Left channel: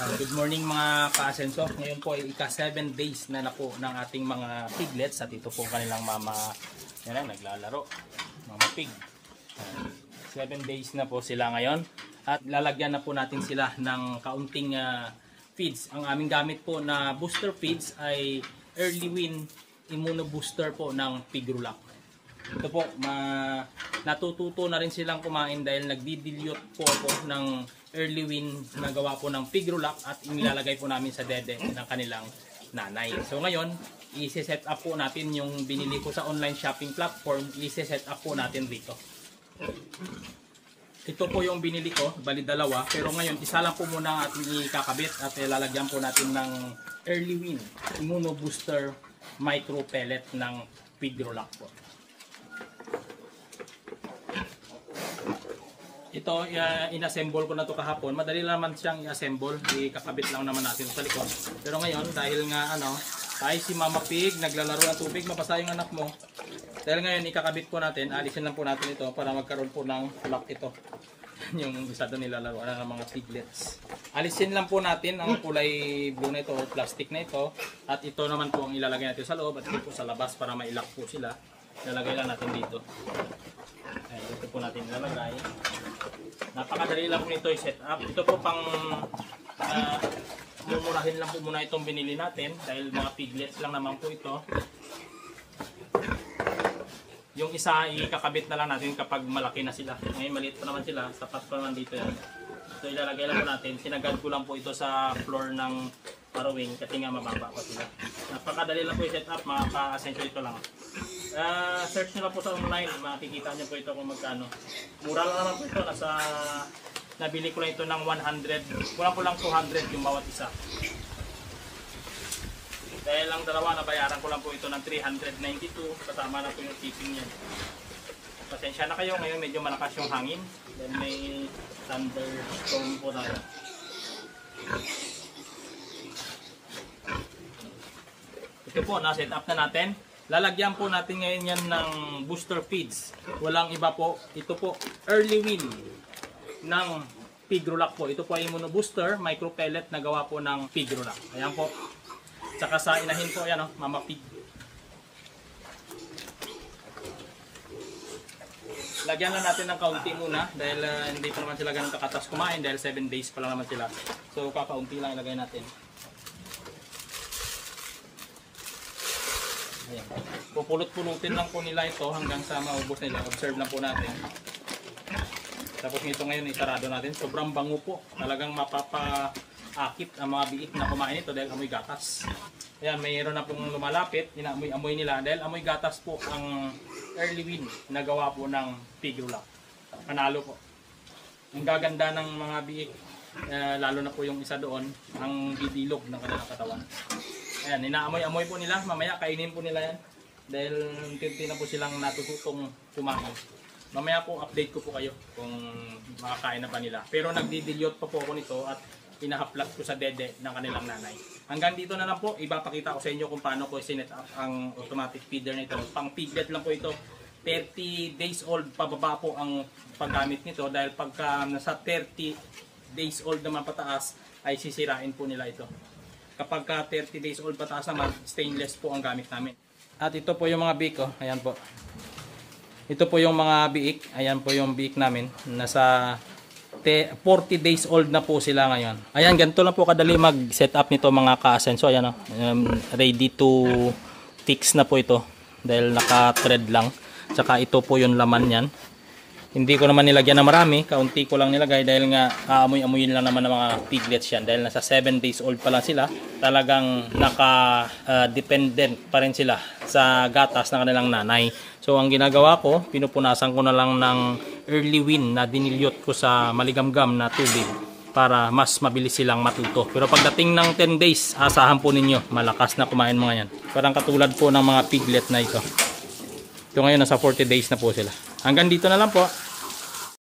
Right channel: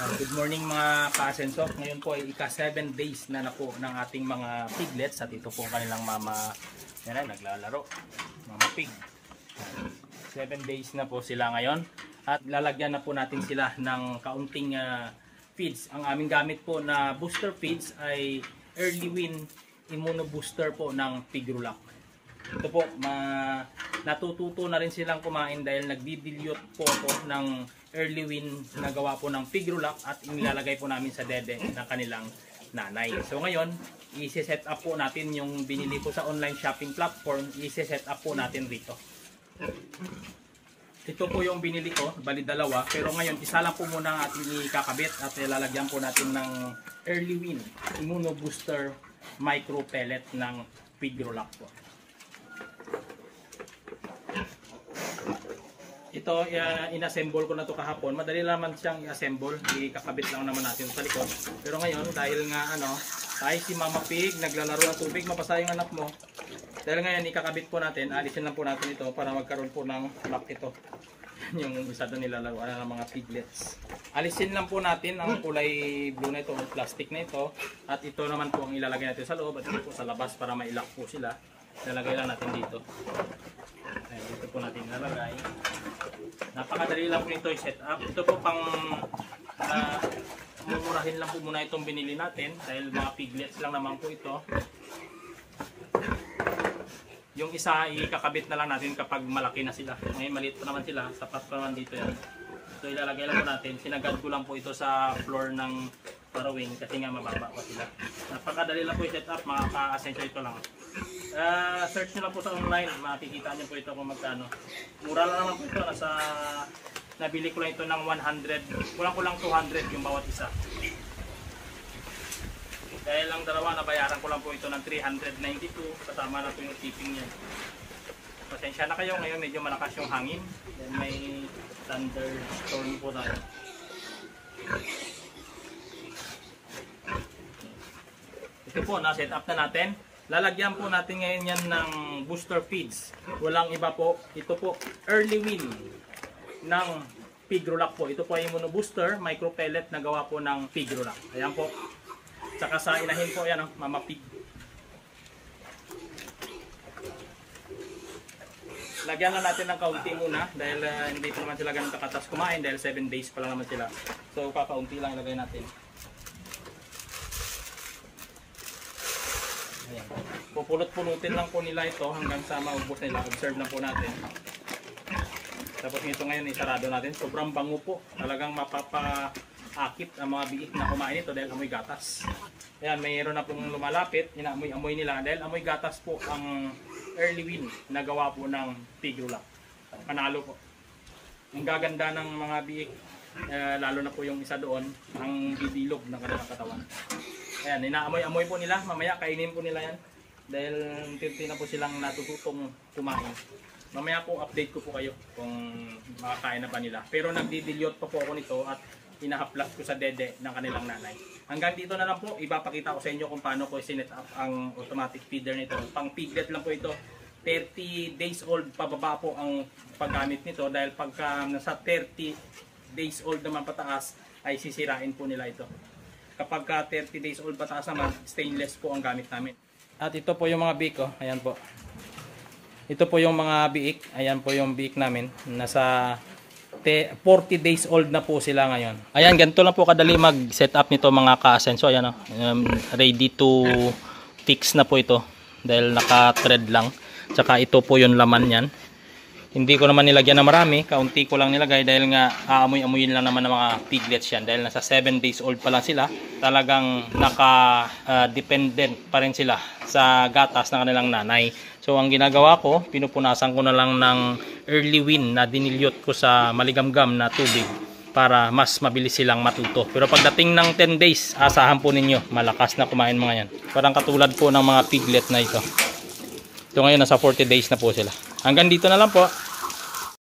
Good morning mga ka-asenso. Ngayon po ay ika 7 days na po ng ating mga piglets. At ito po kanilang mama, yan ay naglalaro, mama pig. 7 days na po sila ngayon. At lalagyan na po natin sila ng kaunting feeds. Ang aming gamit po na booster feeds ay Early Win Immuno Booster po ng Pigrulac. Ito po, natututo na rin silang kumain dahil nagdi-dilute po ako ng Early Win na gawa po ng Pigrulac at inilalagay po namin sa dede ng kanilang nanay. So ngayon, i-set up po natin yung binili ko sa online shopping platform, i-set up po natin dito. Ito po yung binili ko, bali dalawa, pero ngayon isa lang po muna ang ating ikakabit at ilalagyan po natin ng Early Win Immuno Booster Micro Pellet ng Pigrulac po. Ito, inassemble ko na to kahapon. Madali naman siyang i-assemble. Ikakabit lang naman natin sa likod. Pero ngayon, dahil nga tayo si Mama Pig, naglalaro ng tubig, mapasa yung anak mo. Dahil ngayon, ikakabit po natin, alisin lang po natin ito para magkaroon po ng lock ito. Yung isa doon nilalaruan ng mga piglets. Alisin lang po natin ang kulay blue na ito, or plastic na ito. At ito naman po ang ilalagay natin sa loob at ito po sa labas para ma-lock po sila. Ilalagay lang natin dito. Ayan, dito po natin ilalagay. Napakadali lang po nito i-set up. Ito po pang mumurahin lang po muna itong binili natin dahil mga piglets lang naman po ito. Yung isa ikakabit na lang natin kapag malaki na sila. Ngayon maliit pa naman sila, sapat pa naman dito yan. So ilalagay lang po natin. Sinagad ko lang po ito sa floor ng parawing kasi nga mababa pa sila. Napakadali lang po i-set up, mga ka-asenso, ito lang. Search nyo lang po sa online, makikita nyo po ito kung magkano. Mura lang naman po ito, nabili ko lang ito ng 100, kulang 200 yung bawat isa. Dahil lang dalawa, nabayaran ko lang po ito ng 392, kasama na po yung shipping niya. Pasensya na kayo, ngayon medyo malakas yung hangin, then may thunderstorm po tayo. Ito po, na-set up na natin. Lalagyan po natin ngayon yan ng booster feeds. Walang iba po. Ito po, Early Win ng Pigrulac po. Ito po ay Immuno Booster, micro pellet na gawa po ng Pigrulac. Ayan po. Tsaka sa inahin po, ayan, Mama Pig. Lagyan lang natin ng kaunti muna dahil hindi pa naman sila ganito katas kumain dahil 7 days pa lang naman sila. So kakaunti lang ilagay natin. Ayan. Pupulot-pulutin lang po nila ito hanggang sa maubos nila. Observe lang po natin. Tapos nito ngayon isarado natin. Sobrang bango po. Talagang mapapaakit ang mga biit na kumain ito dahil amoy gatas. Ayan, mayroon na pong lumalapit. Inaamoy-amoy nila dahil amoy gatas po ang Early Win na gawa po ng Pigrulac. Panalo po. Ang gaganda ng mga biik, lalo na po yung isa doon, ang bibilog ng kanilang katawan. Ayan, inaamoy-amoy po nila. Mamaya kainin po nila yan. Dahil unti-unti na po silang natututong kumain. Mamaya po update ko po kayo kung makakain na ba nila. Pero nagdi-dilute pa po ako nito at pinahaplas ko sa dede ng kanilang nanay. Hanggang dito na lang po. Ipapakita ko sa inyo kung paano ko sinet up ang automatic feeder nito. Pang piglet lang po ito. 30 days old pababa po ang paggamit nito. Dahil pagka nasa 30 days old naman pataas ay sisirain po nila ito. Kapag ka 30 days old pataas naman, stainless po ang gamit namin. At ito po yung mga biik, oh. Ayan po. Ito po yung mga biik. Ayan po yung biik namin. Nasa 40 days old na po sila ngayon. Ayan, ganito lang po kadali mag-set up nito mga ka-asenso. Ayan, oh. Ready to fix na po ito. Dahil naka-thread lang. Tsaka ito po yung laman yan. Hindi ko naman nilagyan na marami, kaunti ko lang nilagay dahil nga aamoy-amoyin lang naman ng mga piglets yan. Dahil nasa 7 days old pa lang sila, talagang naka-dependent pa rin sila sa gatas ng kanilang nanay. So ang ginagawa ko, pinupunasan ko na lang ng Early Win na dinilyot ko sa maligamgam na tubig para mas mabilis silang matuto. Pero pagdating ng 10 days, asahan po ninyo, malakas na kumain mga yan. Parang katulad po ng mga piglet na ito. Ito ngayon nasa 40 days na po sila. Hanggang dito na lang po.